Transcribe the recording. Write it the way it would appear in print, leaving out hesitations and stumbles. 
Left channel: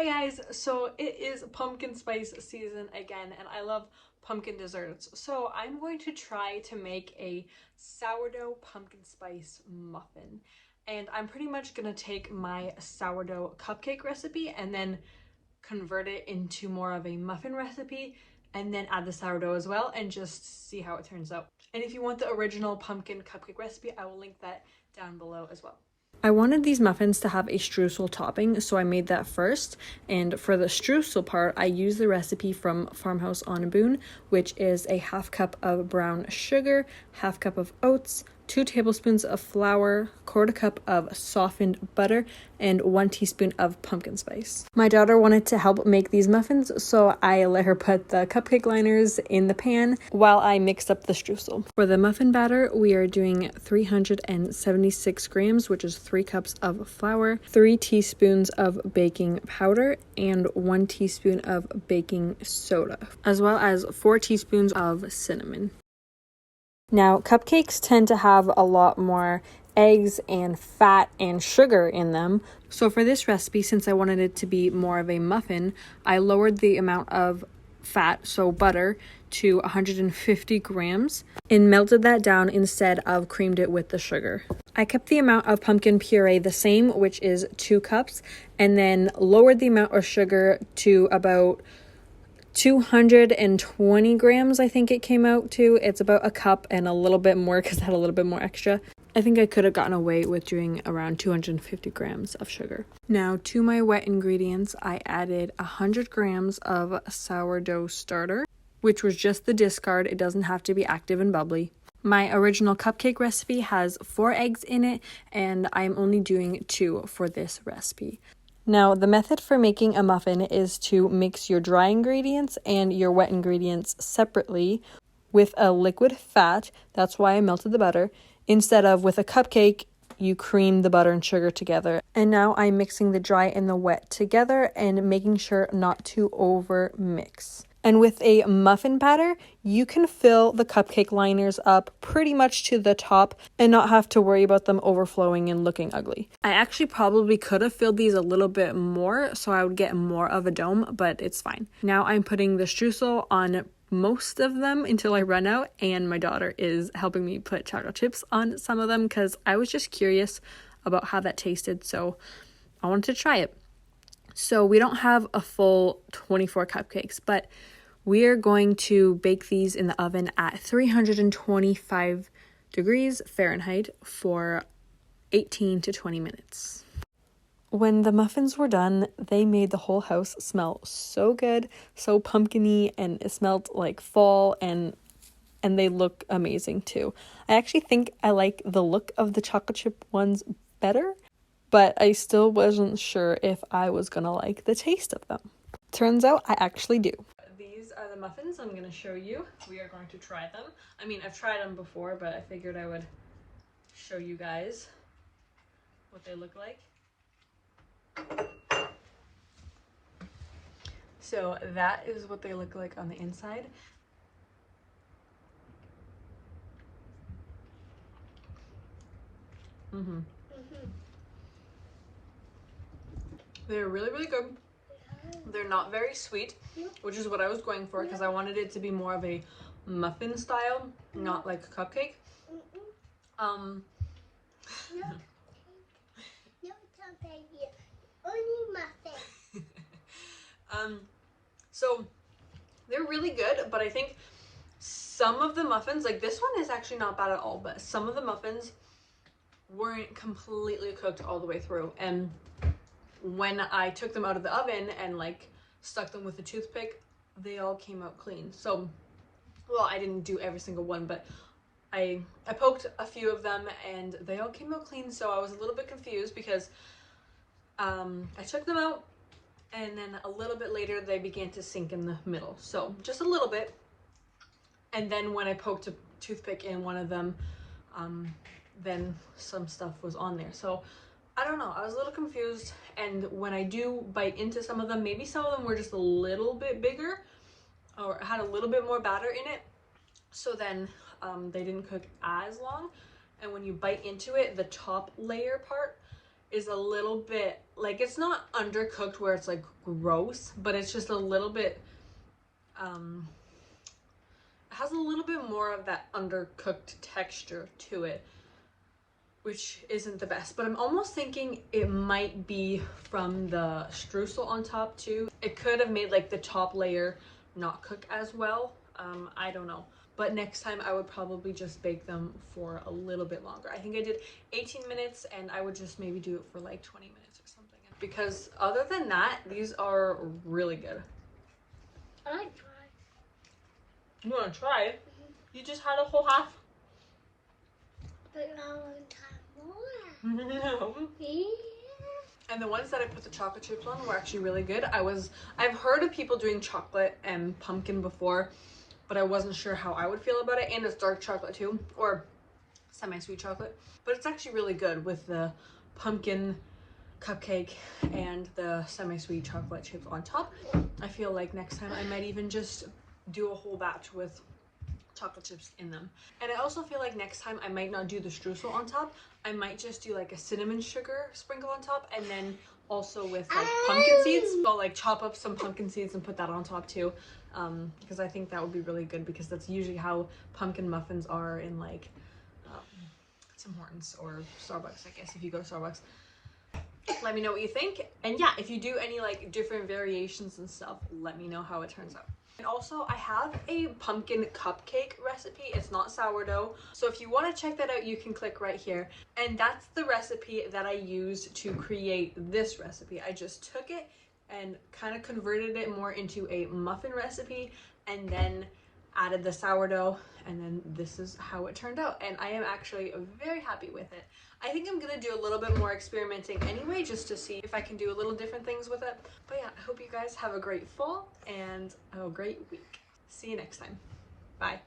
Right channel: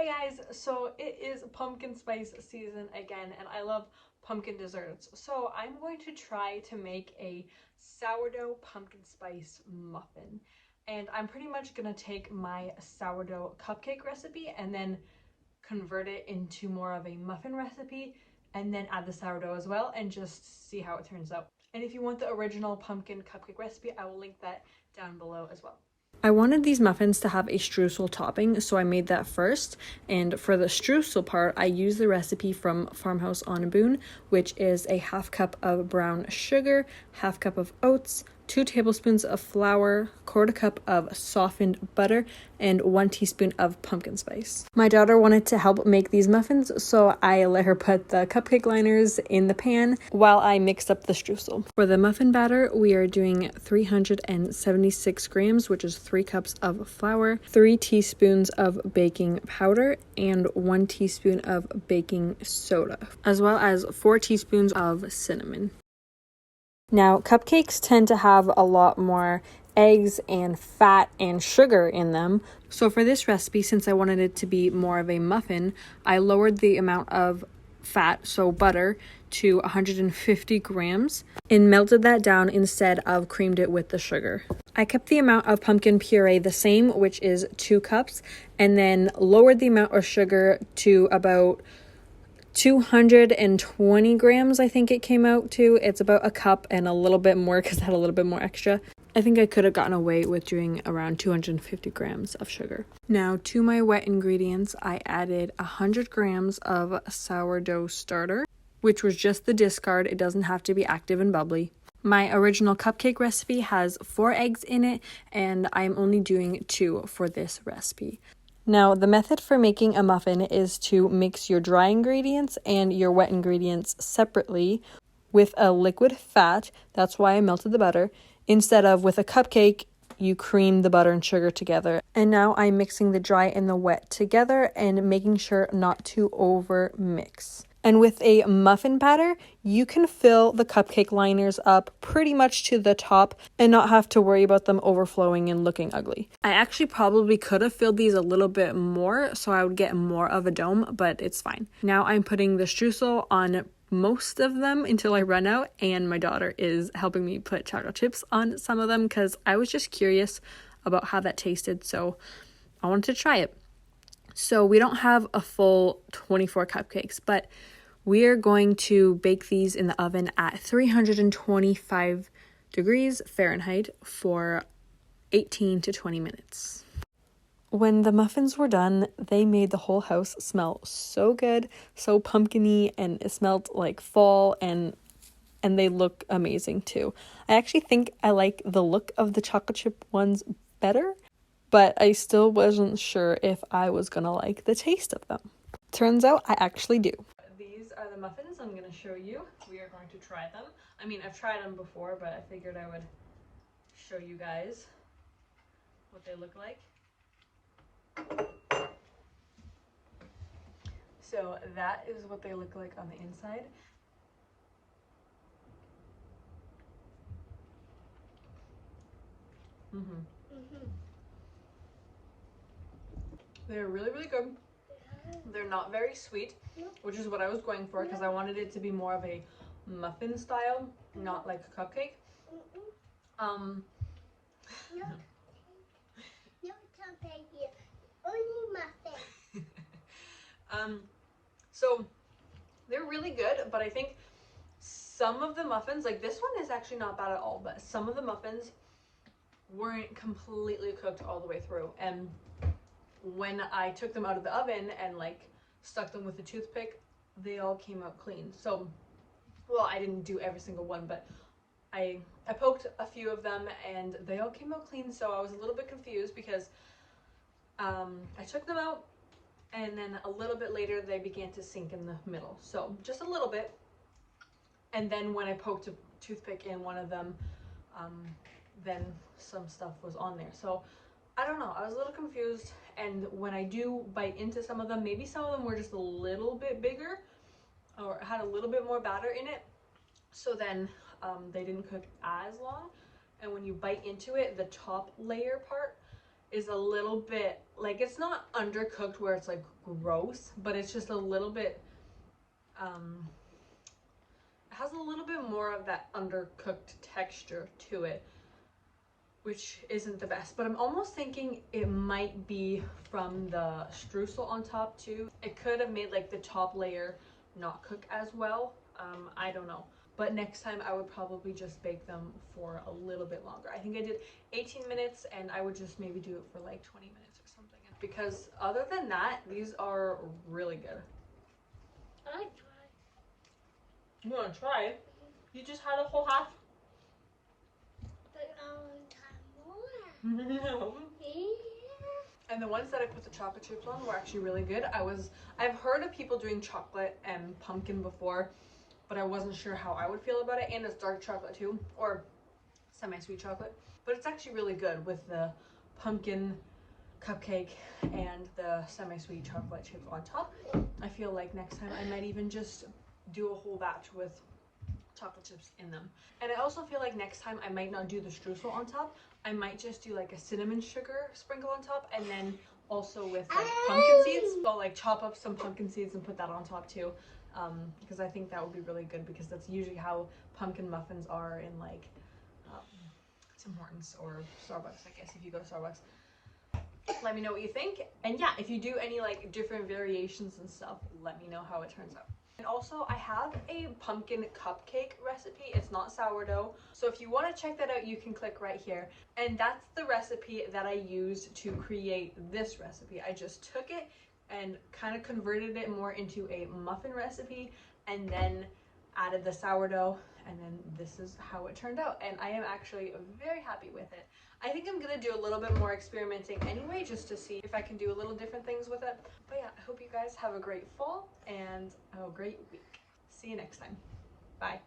Hey guys, so it is pumpkin spice season again and I love pumpkin desserts. So I'm going to try to make a sourdough pumpkin spice muffin. And I'm pretty much gonna take my sourdough cupcake recipe and then convert it into more of a muffin recipe and then add the sourdough as well and just see how it turns out. And if you want the original pumpkin cupcake recipe, I will link that down below as well. I wanted these muffins to have a streusel topping, so I made that first. And for the streusel part, I used the recipe from Farmhouse on a Boon, which is a half cup of brown sugar, half cup of oats, 2 tablespoons of flour, 1/4 cup of softened butter, and 1 teaspoon of pumpkin spice. My daughter wanted to help make these muffins, so I let her put the cupcake liners in the pan while I mixed up the streusel. For the muffin batter, we are doing 376 grams, which is 3 cups of flour, 3 teaspoons of baking powder, and 1 teaspoon of baking soda, as well as 4 teaspoons of cinnamon. Now, cupcakes tend to have a lot more eggs and fat and sugar in them. So for this recipe, since I wanted it to be more of a muffin, I lowered the amount of fat, so butter, to 150 grams and melted that down instead of creamed it with the sugar. I kept the amount of pumpkin puree the same, which is 2 cups, and then lowered the amount of sugar to about 220 grams, I think it came out to. It's about a cup and a little bit more because I had a little bit more extra. I think I could have gotten away with doing around 250 grams of sugar. Now to my wet ingredients, I added 100 grams of sourdough starter, which was just the discard. It doesn't have to be active and bubbly. My original cupcake recipe has 4 eggs in it, and I'm only doing 2 for this recipe. Now, the method for making a muffin is to mix your dry ingredients and your wet ingredients separately with a liquid fat. That's why I melted the butter. Instead of with a cupcake, you cream the butter and sugar together. And now I'm mixing the dry and the wet together and making sure not to over mix. And with a muffin batter, you can fill the cupcake liners up pretty much to the top and not have to worry about them overflowing and looking ugly. I actually probably could have filled these a little bit more so I would get more of a dome, but it's fine. Now I'm putting the streusel on most of them until I run out, and my daughter is helping me put chocolate chips on some of them because I was just curious about how that tasted, so I wanted to try it. So we don't have a full 24 cupcakes, but we are going to bake these in the oven at 325 degrees Fahrenheit for 18 to 20 minutes. When the muffins were done, they made the whole house smell so good, so pumpkin-y, and it smelled like fall, and they look amazing too. I actually think I like the look of the chocolate chip ones better, but I still wasn't sure if I was gonna like the taste of them. Turns out I actually do. These are the muffins I'm gonna show you. We are going to try them. I mean, I've tried them before, but I figured I would show you guys what they look like. So that is what they look like on the inside. They're really, really good. They're not very sweet, which is what I was going for because I wanted it to be more of a muffin style, not like a cupcake. So they're really good, but I think some of the muffins, like this one is actually not bad at all, but some of the muffins weren't completely cooked all the way through. And when I took them out of the oven and like stuck them with a toothpick, they all came out clean. So, well, I didn't do every single one, but I poked a few of them and they all came out clean. So I was a little bit confused because I took them out and then a little bit later they began to sink in the middle. So just a little bit. And then when I poked a toothpick in one of them, then some stuff was on there. So I don't know, I was a little confused, and when I do bite into some of them, maybe some of them were just a little bit bigger or had a little bit more batter in it, so then they didn't cook as long, and when you bite into it, the top layer part is a little bit, like, it's not undercooked where it's like gross, but it's just a little bit, it has a little bit more of that undercooked texture to it, which isn't the best. But I'm almost thinking it might be from the streusel on top too. It could have made like the top layer not cook as well. I don't know. But next time I would probably just bake them for a little bit longer. I think I did 18 minutes and I would just maybe do it for like 20 minutes or something. Because other than that, these are really good. I like try. You want to try it? You just had a whole half. But I want to try more. No. Yeah. And the ones that I put the chocolate chips on were actually really good. I've heard of people doing chocolate and pumpkin before, but I wasn't sure how I would feel about it. And it's dark chocolate too, or semi-sweet chocolate. But it's actually really good with the pumpkin cupcake and the semi-sweet chocolate chips on top. I feel like next time I might even just do a whole batch with chocolate chips in them. And I also feel like next time I might not do the streusel on top. I might just do like a cinnamon sugar sprinkle on top, and then also with like pumpkin seeds. So like chop up some pumpkin seeds and put that on top too, because I think that would be really good, because that's usually how pumpkin muffins are in like Tim Hortons or Starbucks, I guess, if you go to Starbucks. Let me know what you think. And yeah, if you do any like different variations and stuff, let me know how it turns out. And also, I have a pumpkin cupcake recipe. It's not sourdough. So if you want to check that out, you can click right here. And that's the recipe that I used to create this recipe. I just took it and kind of converted it more into a muffin recipe, and then added the sourdough, and then this is how it turned out. And I am actually very happy with it. I think I'm gonna do a little bit more experimenting anyway, just to see if I can do a little different things with it. But yeah, I hope you guys have a great fall and a great week. See you next time. Bye.